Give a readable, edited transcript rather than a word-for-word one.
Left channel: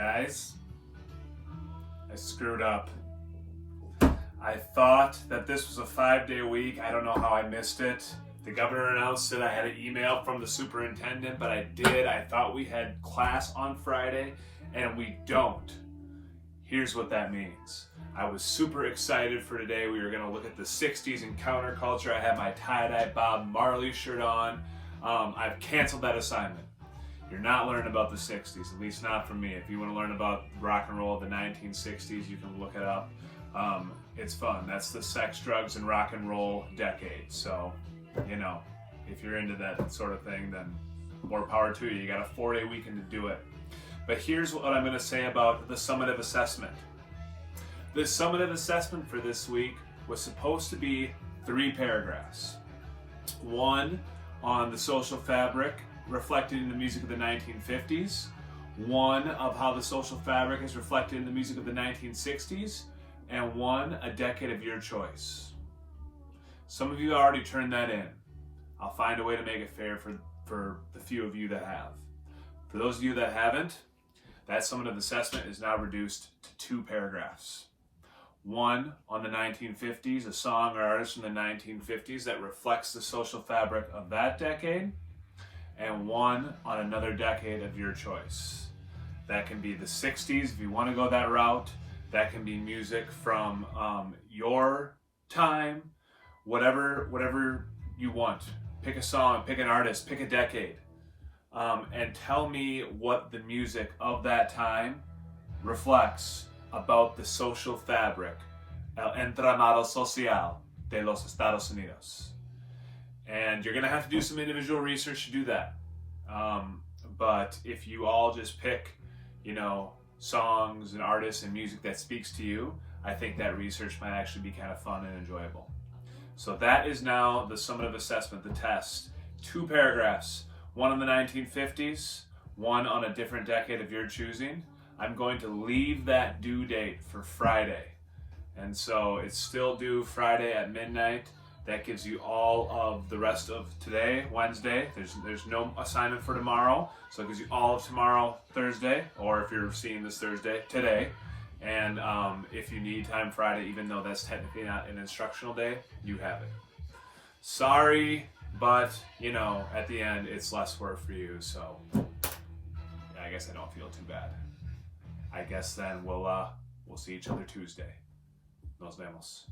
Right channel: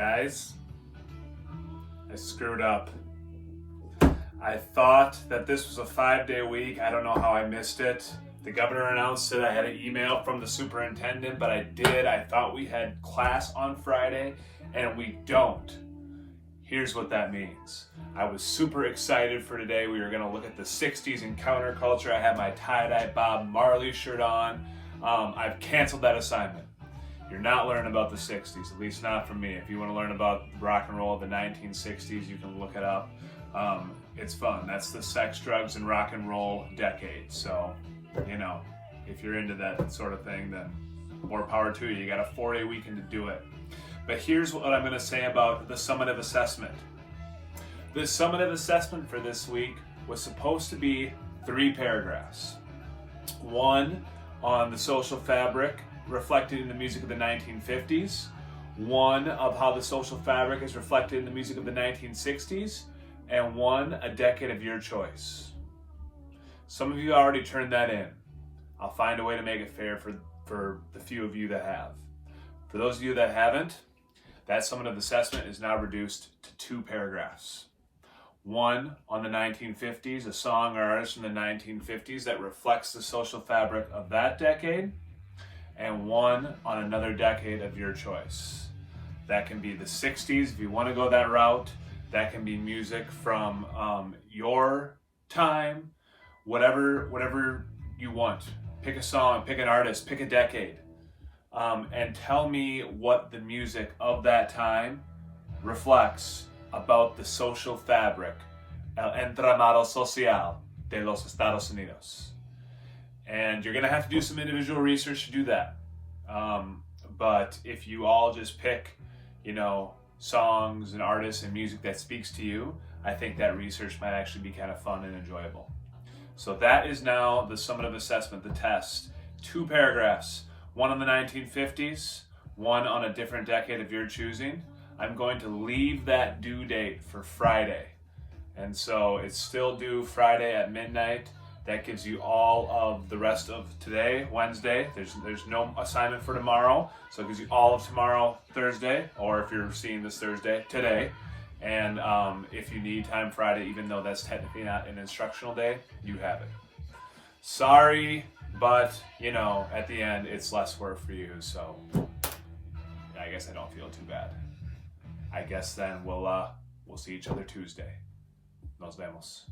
Guys, I screwed up. I thought that this was a 5-day week. I don't know how I missed it. The governor announced it. I had an email from the superintendent, but I did. I thought we had class on Friday, and we don't. Here's what that means. I was super excited for today. We were going to look at the 60s and counterculture. I had my tie-dye Bob Marley shirt on. I've canceled that assignment. You're not learning about the 60s, at least not from me. If you want to learn about rock and roll of the 1960s, you can look it up. It's fun. That's the sex, drugs, and rock and roll decade. So, if you're into that sort of thing, then more power to you. You got a 4-day weekend to do it. But here's what I'm going to say about the summative assessment. The summative assessment for this week was supposed to be 3 paragraphs. 1 on the social fabric reflected in the music of the 1950s. 1 of how the social fabric is reflected in the music of the 1960s. And 1, a decade of your choice. Some of you already turned that in. I'll find a way to make it fair for the few of you that have. For those of you that haven't, that summative assessment is now reduced to 2 paragraphs. 1 on the 1950s, a song or artist from the 1950s that reflects the social fabric of that decade, and 1 on another decade of your choice. That can be the 60s if you want to go that route. That can be music from your time, whatever you want. Pick a song, pick an artist, pick a decade, and tell me what the music of that time reflects about the social fabric, el entramado social de los Estados Unidos. And you're going to have to do some individual research to do that. But if you all just pick, songs and artists and music that speaks to you, I think that research might actually be kind of fun and enjoyable. So that is now the summative assessment, the test. 2 paragraphs, 1 on the 1950s, 1 on a different decade of your choosing. I'm going to leave that due date for Friday. And so it's still due Friday at midnight. That gives you all of the rest of today, Wednesday. There's no assignment for tomorrow. So it gives you all of tomorrow, Thursday, or if you're seeing this Thursday, today. And if you need time Friday, even though that's technically not an instructional day, you have it. Sorry, but, at the end, it's less work for you. So I guess I don't feel too bad. I guess then we'll see each other Tuesday. Nos vemos.